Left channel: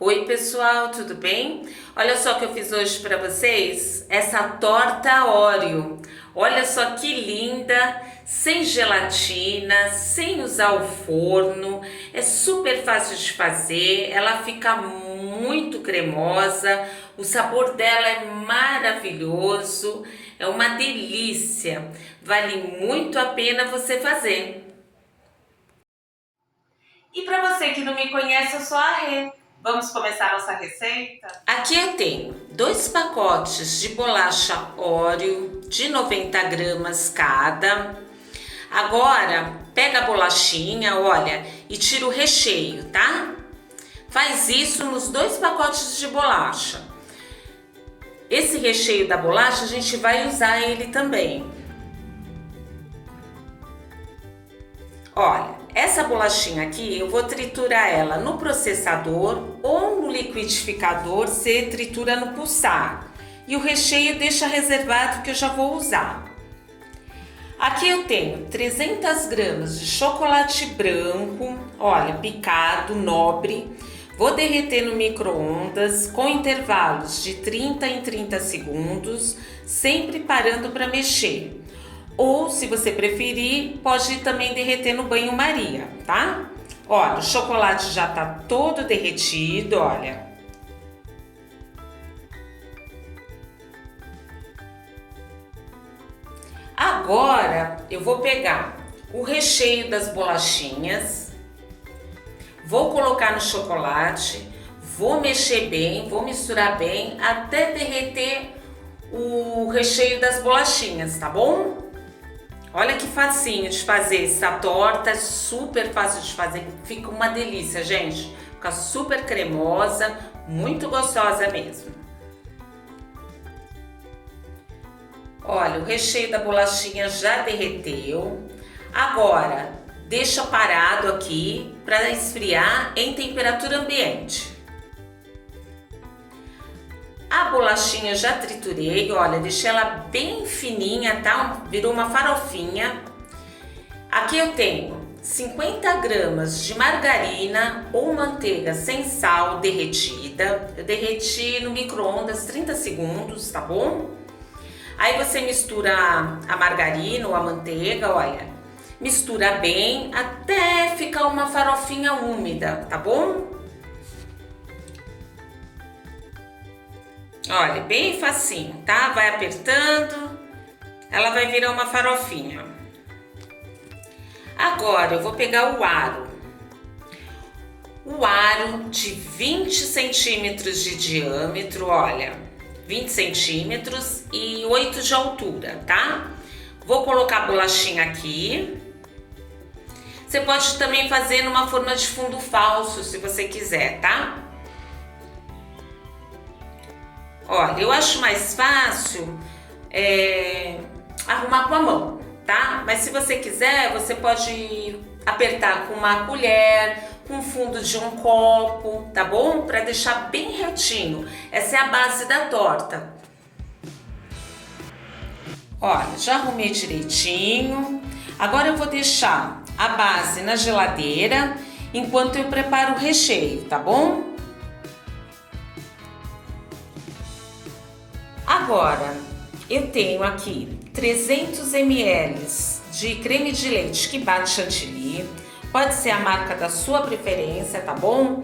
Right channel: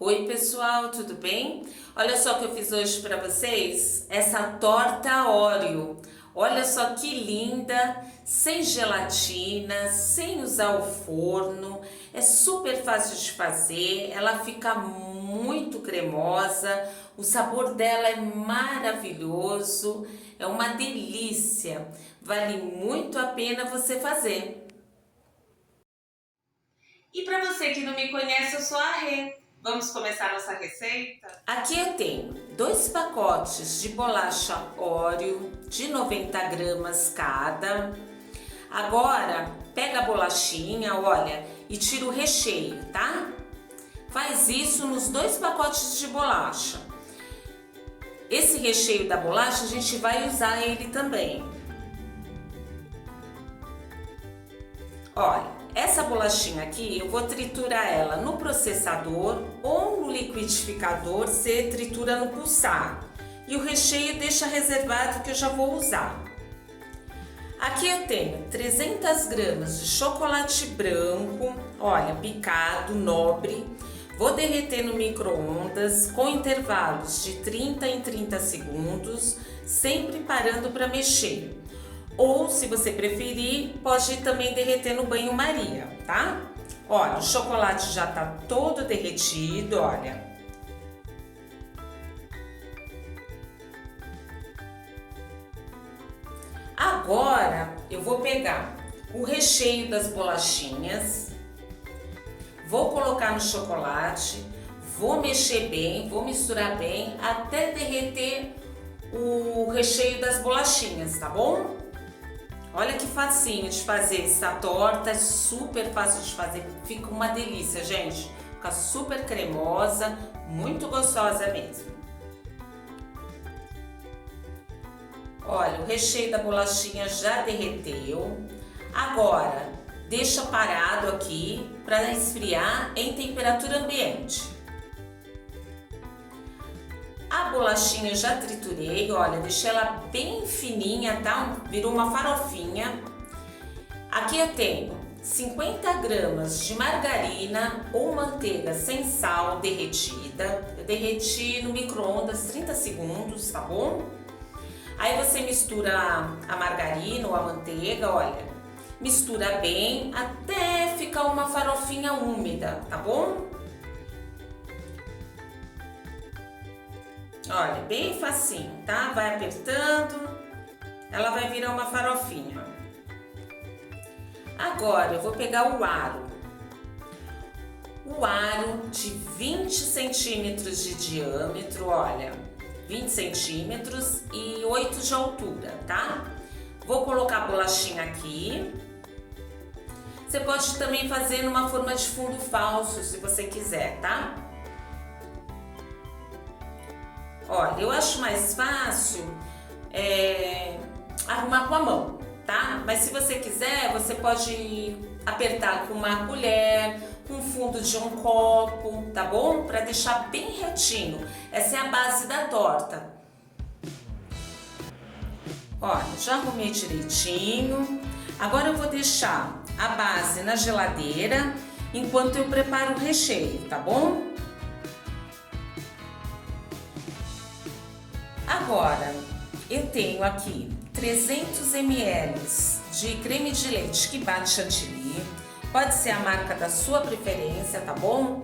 Oi pessoal, tudo bem? Olha só o que eu fiz hoje para vocês, essa torta Oreo. Olha só que linda, sem gelatina, sem usar o forno, é super fácil de fazer, ela fica muito cremosa, o sabor dela é maravilhoso, é uma delícia, vale muito a pena você fazer. E para você que não me conhece, eu sou a Rê. Vamos começar nossa receita? Aqui eu tenho 2 pacotes de bolacha Oreo de 90 gramas cada. Agora pega a bolachinha, olha, e tira o recheio, tá? Faz isso nos 2 pacotes de bolacha. Esse recheio da bolacha a gente vai usar ele também. Olha, essa bolachinha aqui eu vou triturar ela no processador ou no liquidificador, você tritura no pulsar. E o recheio deixa reservado que eu já vou usar. Aqui eu tenho 300 gramas de chocolate branco, olha, picado, nobre. Vou derreter no micro-ondas com intervalos de 30 em 30 segundos, sempre parando para mexer. Ou, se você preferir, pode também derreter no banho-maria, tá? Olha, o chocolate já tá todo derretido, olha. Agora, eu vou pegar o recheio das bolachinhas, vou colocar no chocolate, vou mexer bem, vou misturar bem até derreter o recheio das bolachinhas, tá bom? Olha que facinho de fazer essa torta, é super fácil de fazer, fica uma delícia, gente. Fica super cremosa, muito gostosa mesmo. Olha, o recheio da bolachinha já derreteu. Agora, deixa parado aqui para esfriar em temperatura ambiente. A bolachinha eu já triturei, olha, deixei ela bem fininha, tá? Virou uma farofinha. Aqui eu tenho 50 gramas de margarina ou manteiga sem sal derretida. Eu derreti no micro-ondas 30 segundos, tá bom? Aí você mistura a margarina ou a manteiga, olha, mistura bem até ficar uma farofinha úmida, tá bom? Olha, bem facinho, tá? Vai apertando, ela vai virar uma farofinha. Agora eu vou pegar o aro. O aro de 20 centímetros de diâmetro, olha, 20 centímetros e 8 de altura, tá? Vou colocar a bolachinha aqui. Você pode também fazer numa forma de fundo falso, se você quiser, tá? Olha, eu acho mais fácil arrumar com a mão, tá? Mas se você quiser, você pode apertar com uma colher, com o fundo de um copo, tá bom? Para deixar bem retinho. Essa é a base da torta. Olha, já arrumei direitinho. Agora eu vou deixar a base na geladeira enquanto eu preparo o recheio, tá bom? Agora, eu tenho aqui 300 ml de creme de leite que bate chantilly. Pode ser a marca da sua preferência, tá bom?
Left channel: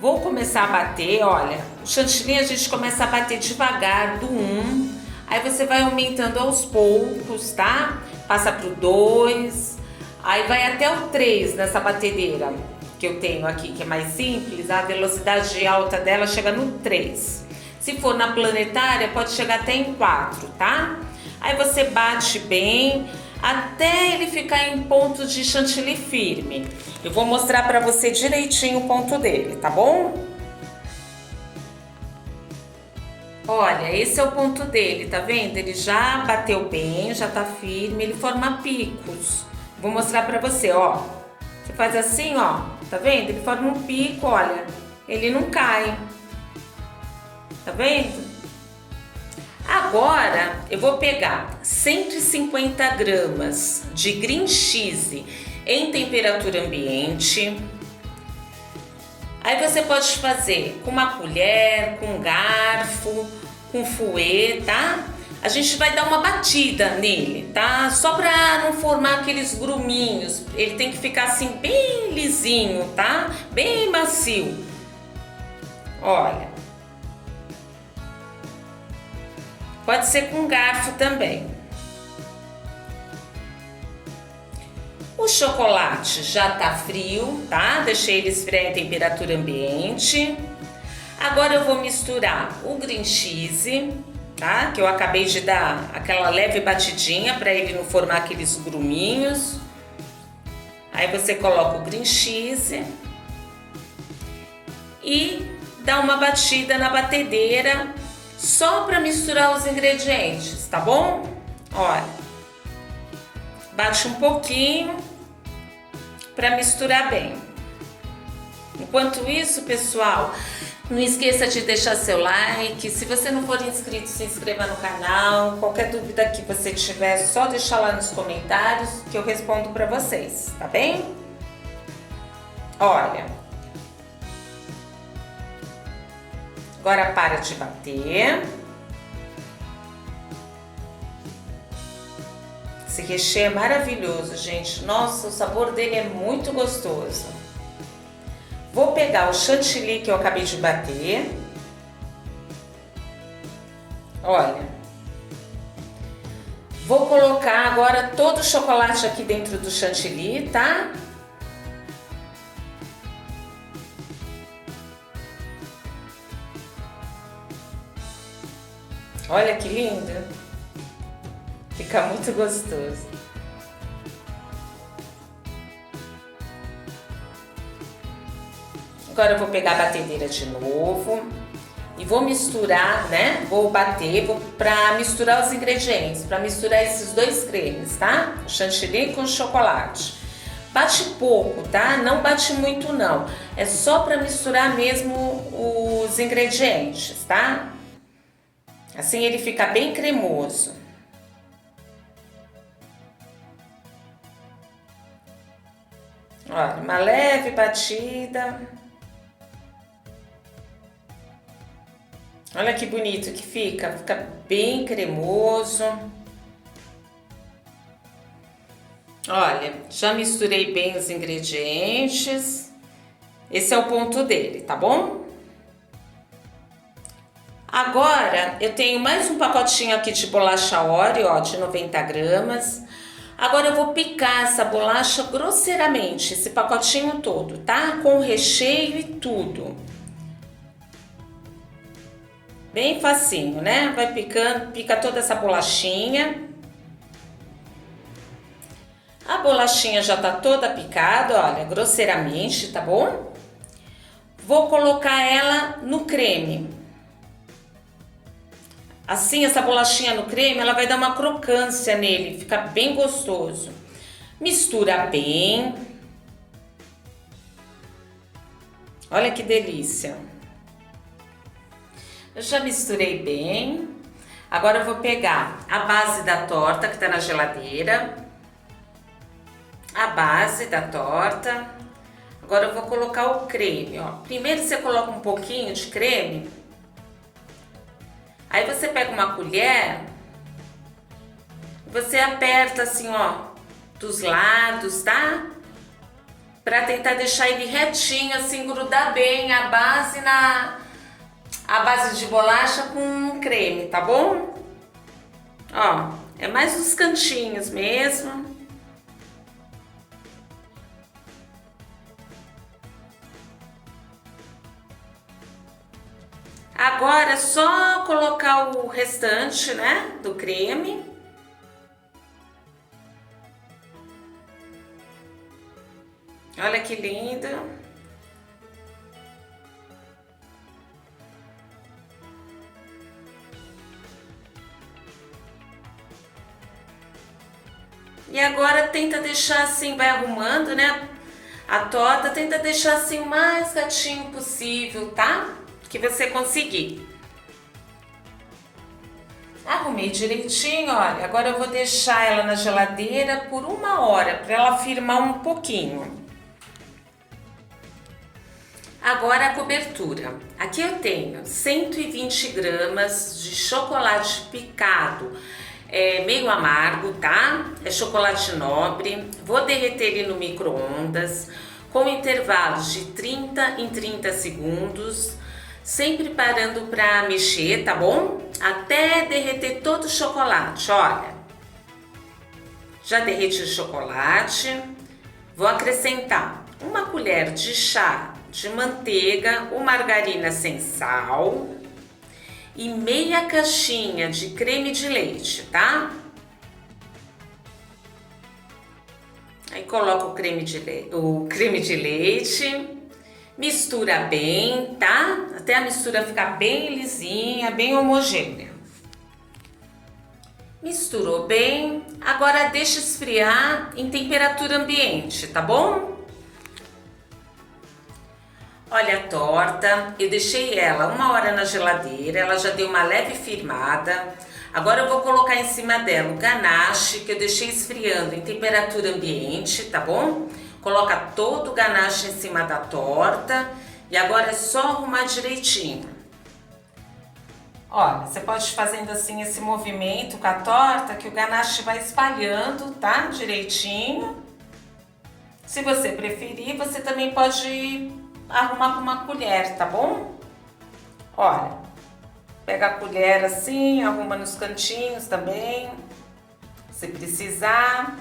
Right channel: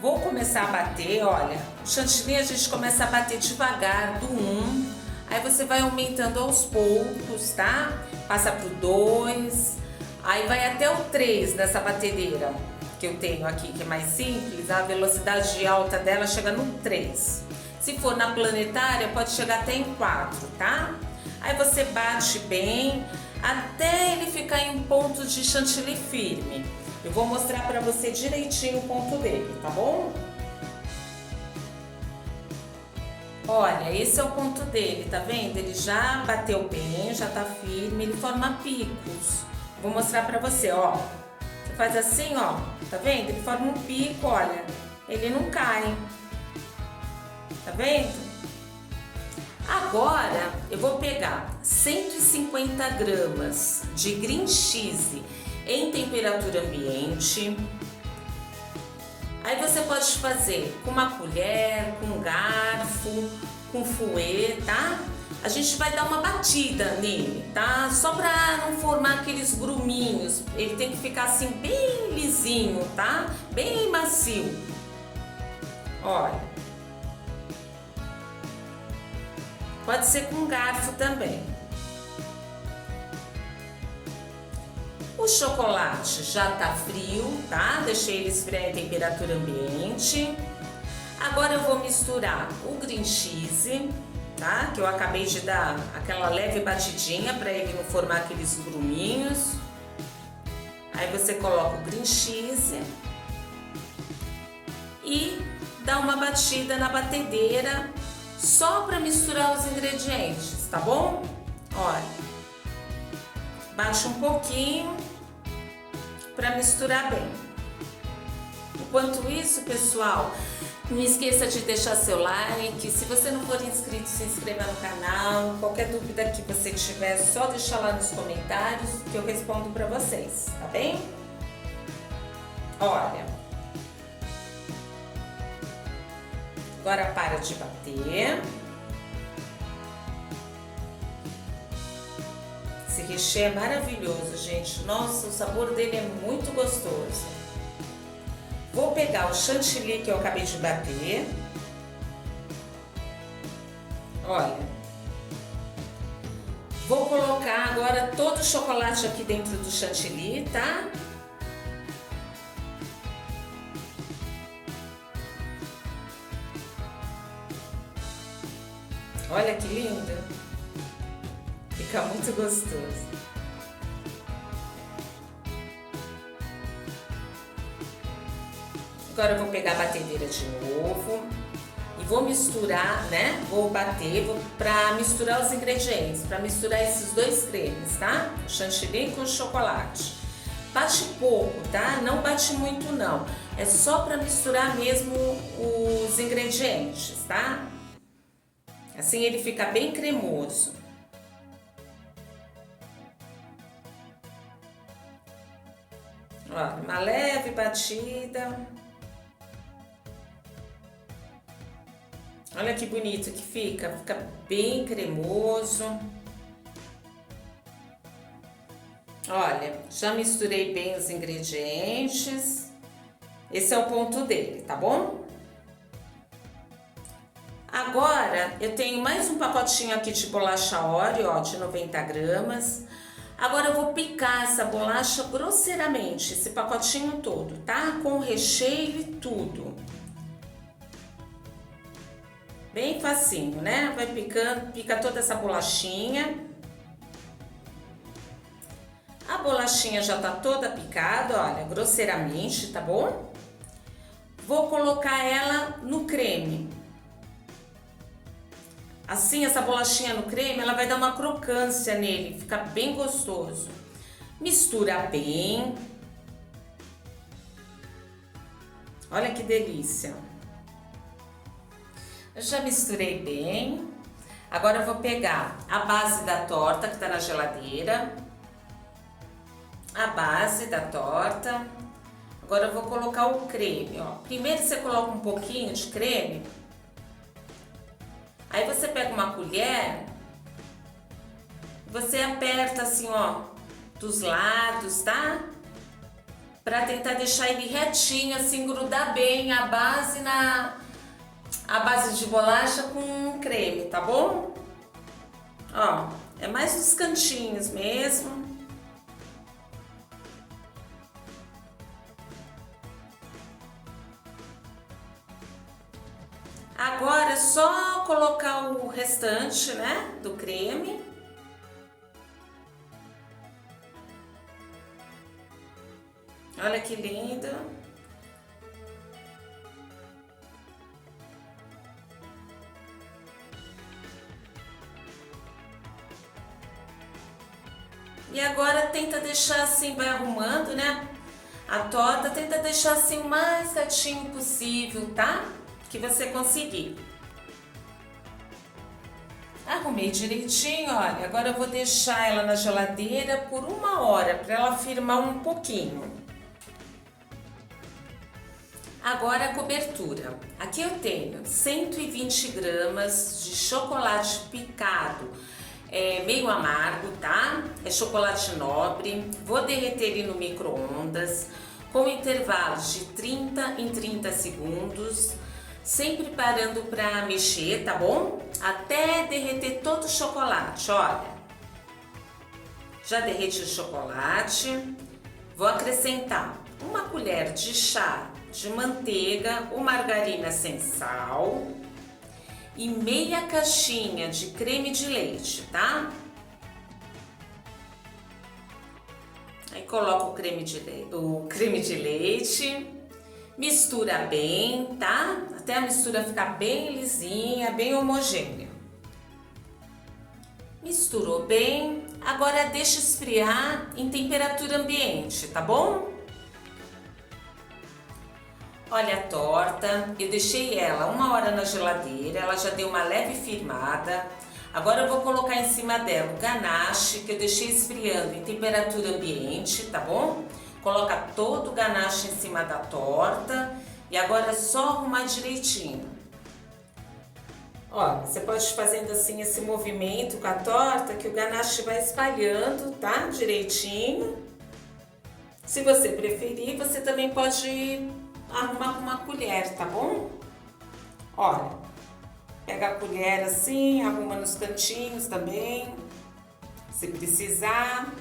Vou começar a bater, olha, o chantilly a gente começa a bater devagar do 1, aí você vai aumentando aos poucos, tá? Passa pro 2, aí vai até o 3 nessa batedeira que eu tenho aqui, que é mais simples, a velocidade alta dela chega no 3. Se for na planetária, pode chegar até em 4, tá? Aí você bate bem até ele ficar em ponto de chantilly firme. Eu vou mostrar pra você direitinho o ponto dele, tá bom? Olha, esse é o ponto dele, tá vendo? Ele já bateu bem, já tá firme, ele forma picos. Vou mostrar pra você, ó. Você faz assim, ó, tá vendo? Ele forma um pico, olha, ele não cai. Tá vendo? Agora eu vou pegar 150 gramas de green cheese em temperatura ambiente. Aí você pode fazer com uma colher, com um garfo, com fouet, tá? A gente vai dar uma batida nele, tá? Só pra não formar aqueles gruminhos. Ele tem que ficar assim bem lisinho, tá? Bem macio. Olha. Pode ser com garfo também. O chocolate já tá frio, tá? Deixei ele esfriar em temperatura ambiente. Agora eu vou misturar o green cheese, tá? Que eu acabei de dar aquela leve batidinha para ele não formar aqueles gruminhos. Aí você coloca o green cheese e dá uma batida na batedeira só para misturar os ingredientes, tá bom? Olha, bate um pouquinho para misturar bem. Enquanto isso, pessoal, não esqueça de deixar seu like. Se você não for inscrito, se inscreva no canal. Qualquer dúvida que você tiver, é só deixar lá nos comentários que eu respondo para vocês, tá bem? Olha. Agora para de bater. Esse recheio é maravilhoso, gente. Nossa, o sabor dele é muito gostoso. Vou pegar o chantilly que eu acabei de bater. Olha. Vou colocar agora todo o chocolate aqui dentro do chantilly, tá? Olha que lindo. Fica muito gostoso. Agora eu vou pegar a batedeira de novo e vou misturar, né? Vou bater para misturar os ingredientes, para misturar esses dois cremes, tá? Chantilly com chocolate. Bate pouco, tá? Não bate muito não. É só para misturar mesmo os ingredientes, tá? Assim ele fica bem cremoso. Olha, uma leve batida. Olha que bonito que fica bem cremoso. Olha, já misturei bem os ingredientes. Esse é o ponto dele, tá bom? Agora, eu tenho mais um pacotinho aqui de bolacha Oreo, ó, de 90 gramas. Agora eu vou picar essa bolacha grosseiramente, esse pacotinho todo, tá? Com o recheio e tudo. Bem facinho, né? Vai picando, pica toda essa bolachinha. A bolachinha já tá toda picada, olha, grosseiramente, tá bom? Vou colocar ela no creme. Assim, essa bolachinha no creme, ela vai dar uma crocância nele, fica bem gostoso. Mistura bem. Olha que delícia. Eu já misturei bem. Agora eu vou pegar a base da torta que tá na geladeira. A base da torta. Agora eu vou colocar o creme, ó. Primeiro você coloca um pouquinho de creme. Aí você pega uma colher, você aperta assim, ó, dos lados, tá? Pra tentar deixar ele retinho, assim, grudar bem a base de bolacha com creme, tá bom? Ó, é mais nos cantinhos mesmo. Agora é só colocar o restante, né, do creme. Olha que lindo. E agora tenta deixar assim, vai arrumando, né, a torta, tenta deixar assim o mais retinho possível, tá? Que você conseguir. Arrumei direitinho, olha. Agora eu vou deixar ela na geladeira por 1 hora, para ela firmar um pouquinho. Agora a cobertura. Aqui eu tenho 120 gramas de chocolate picado, meio amargo, tá? É chocolate nobre. Vou derreter ele no micro-ondas com intervalos de 30 em 30 segundos, sempre parando para mexer, tá bom? Até derreter todo o chocolate, olha. Já derreti o chocolate. Vou acrescentar uma colher de chá de manteiga ou margarina sem sal e meia caixinha de creme de leite, tá? Aí coloca o creme de leite, mistura bem, tá? Até a mistura ficar bem lisinha, bem homogênea. Misturou bem, agora deixa esfriar em temperatura ambiente, tá bom? Olha a torta, eu deixei ela 1 hora na geladeira, ela já deu uma leve firmada. Agora eu vou colocar em cima dela o ganache que eu deixei esfriando em temperatura ambiente, tá bom? Coloca todo o ganache em cima da torta e agora é só arrumar direitinho. Olha, você pode ir fazendo assim esse movimento com a torta que o ganache vai espalhando, tá? Direitinho. Se você preferir, você também pode arrumar com uma colher, tá bom? Olha, pega a colher assim, arruma nos cantinhos também, se precisar.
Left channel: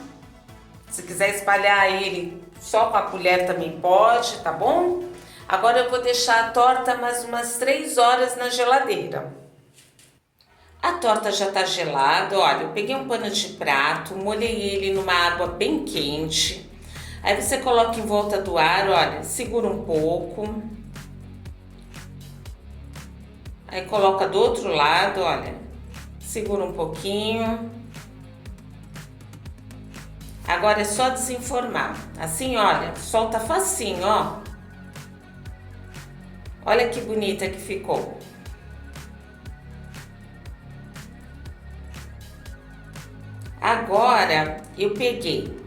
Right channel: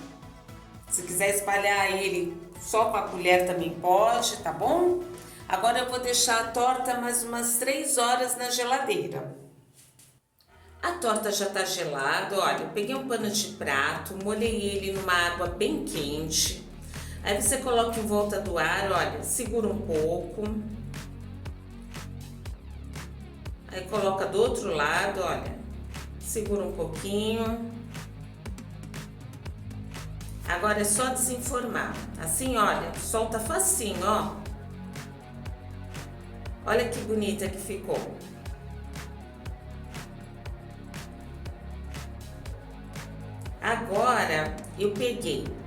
Se quiser espalhar ele só com a colher também pode, tá bom? Agora eu vou deixar a torta mais umas 3 horas na geladeira. A torta já tá gelada, olha, eu peguei um pano de prato, molhei ele numa água bem quente. Aí você coloca em volta do ar, olha, segura um pouco. Aí coloca do outro lado, olha, segura um pouquinho. Agora é só desenformar. Assim, olha, solta facinho, ó. Olha que bonita que ficou. Agora eu peguei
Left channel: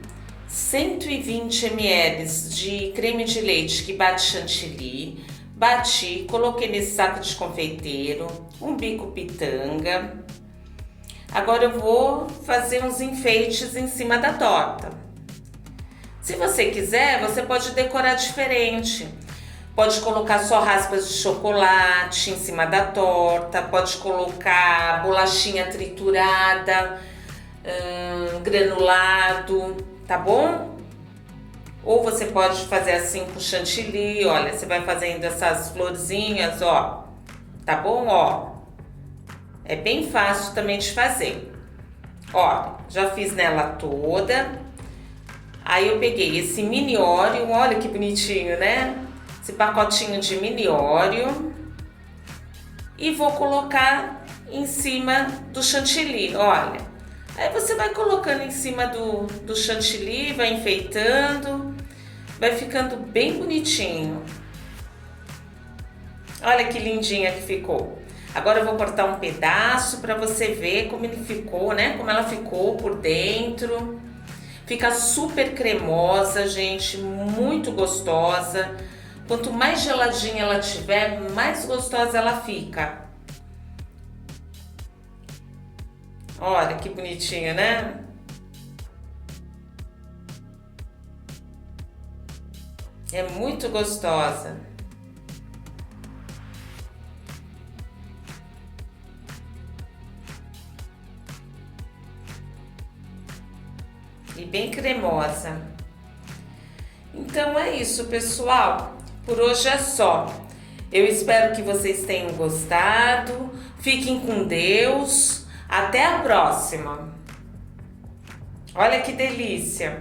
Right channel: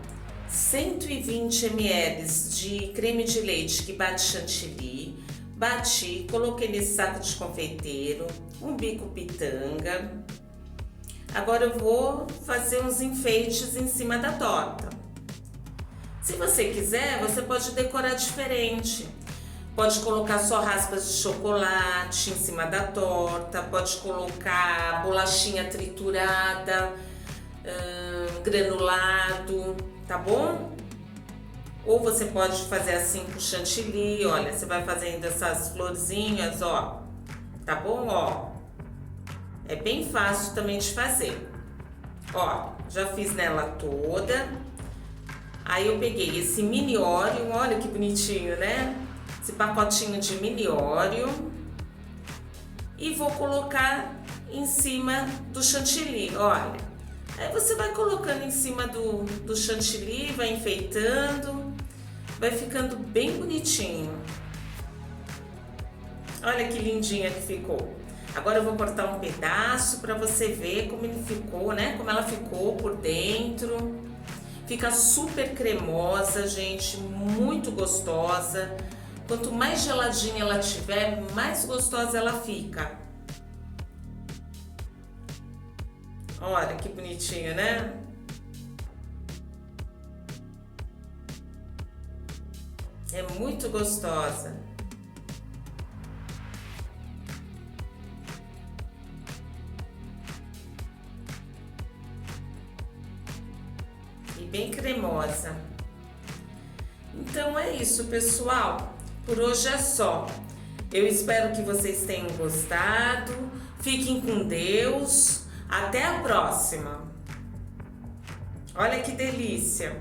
120 ml de creme de leite que bate chantilly, bati, coloquei nesse saco de confeiteiro, um bico pitanga. Agora eu vou fazer uns enfeites em cima da torta. Se você quiser, você pode decorar diferente. Pode colocar só raspas de chocolate em cima da torta, pode colocar bolachinha triturada, granulado, tá bom? Ou você pode fazer assim com chantilly, olha, você vai fazendo essas florzinhas, ó, tá bom? Ó, é bem fácil também de fazer. Ó, já fiz nela toda. Aí eu peguei esse mini Oreo, olha que bonitinho, né? Esse pacotinho de mini Oreo. E vou colocar em cima do chantilly, olha. Aí você vai colocando em cima do chantilly, vai enfeitando, vai ficando bem bonitinho. Olha que lindinha que ficou. Agora eu vou cortar um pedaço para você ver como ele ficou, né? Como ela ficou por dentro. Fica super cremosa, gente, muito gostosa. Quanto mais geladinha ela tiver, mais gostosa ela fica. Olha que bonitinha, né? É muito gostosa. E bem cremosa. Então é isso, pessoal. Por hoje é só. Eu espero que vocês tenham gostado. Fiquem com Deus. Até a próxima! Olha que delícia!